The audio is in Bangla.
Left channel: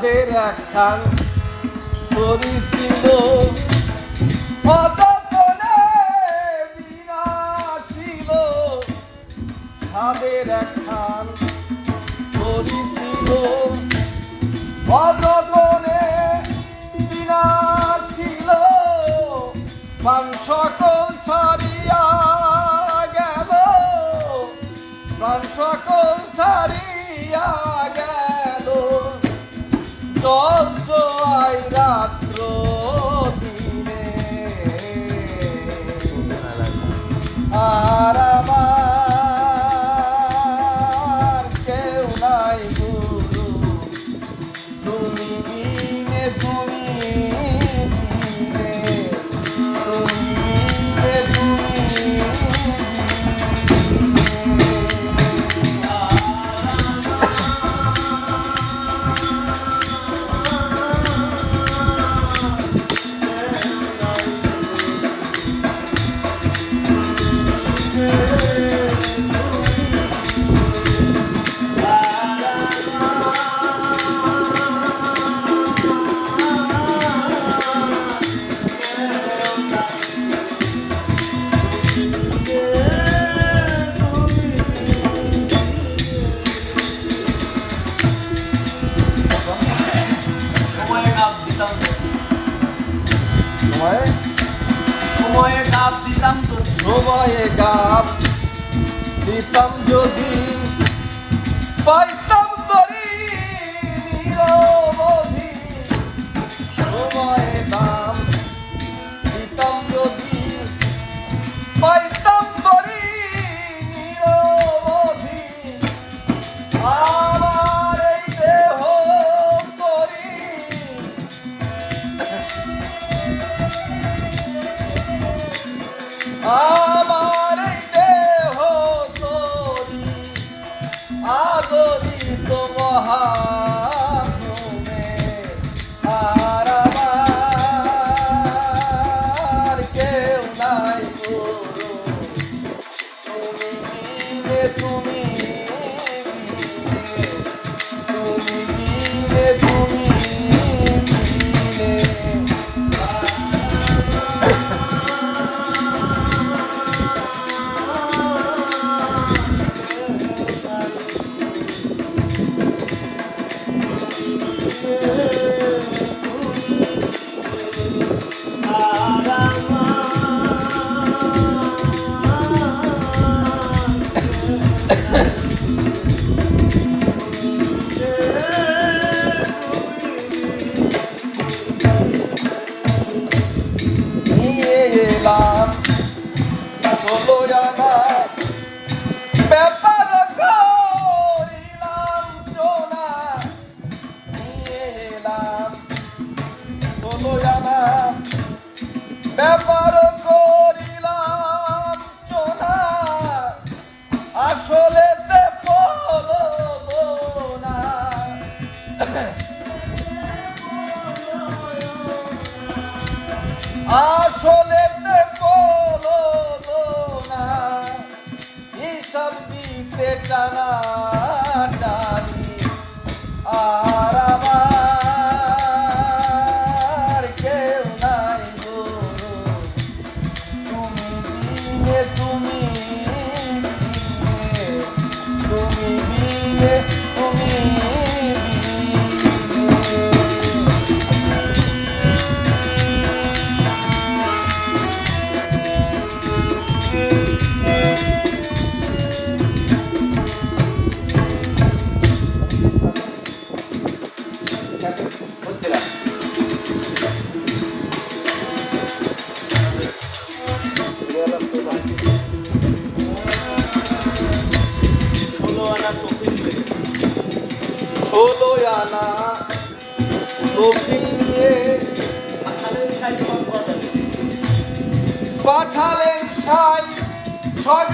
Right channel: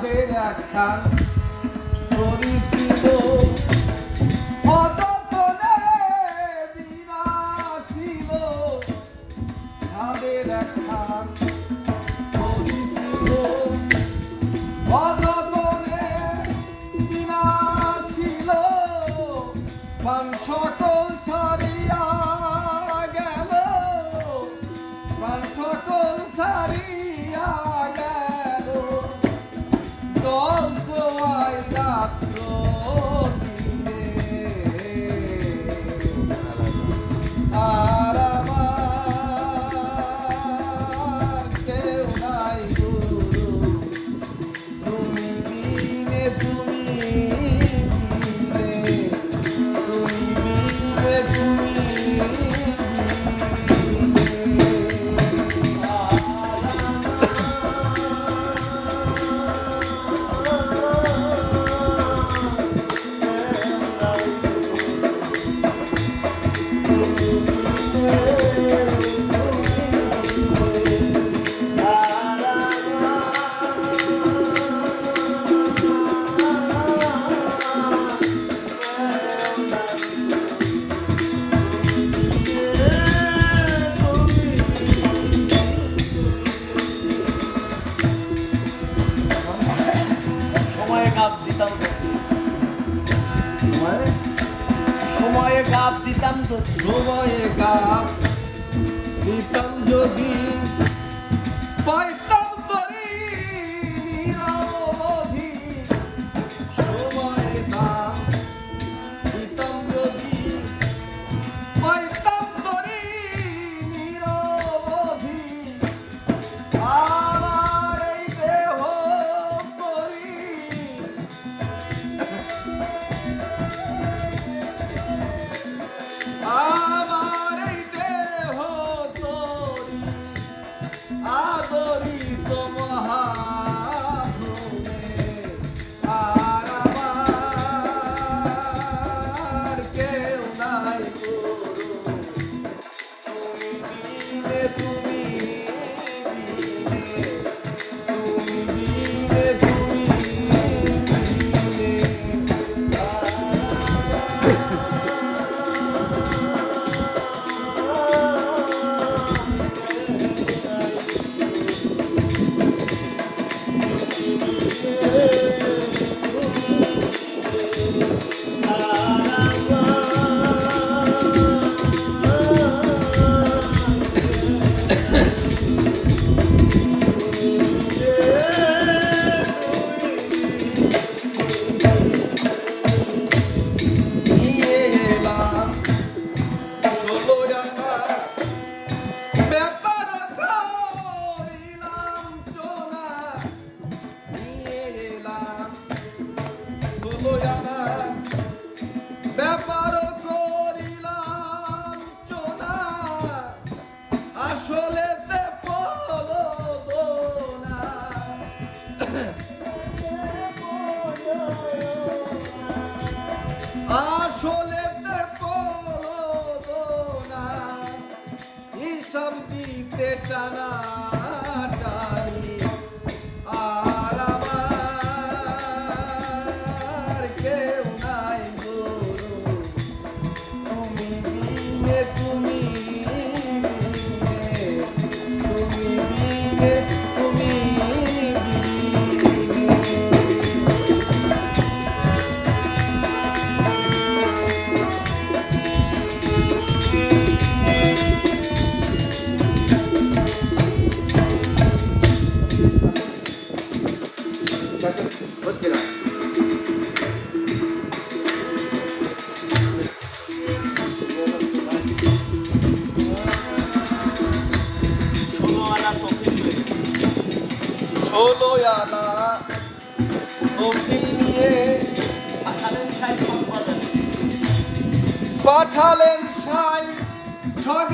তাদের একখান করেছিল। বিনাশিল তাদের একখান করেছিল। অযতনে বিনাশিল মান সকল ছাড়িয়া গেল। প্রাণ সকল ছাড়িয়া গেল। 哦 দিতাম যদি সময়ে গাপ দিতাম যদি পাইতাম ষোলো আনা নিয়ে পাঠালেন সাই সব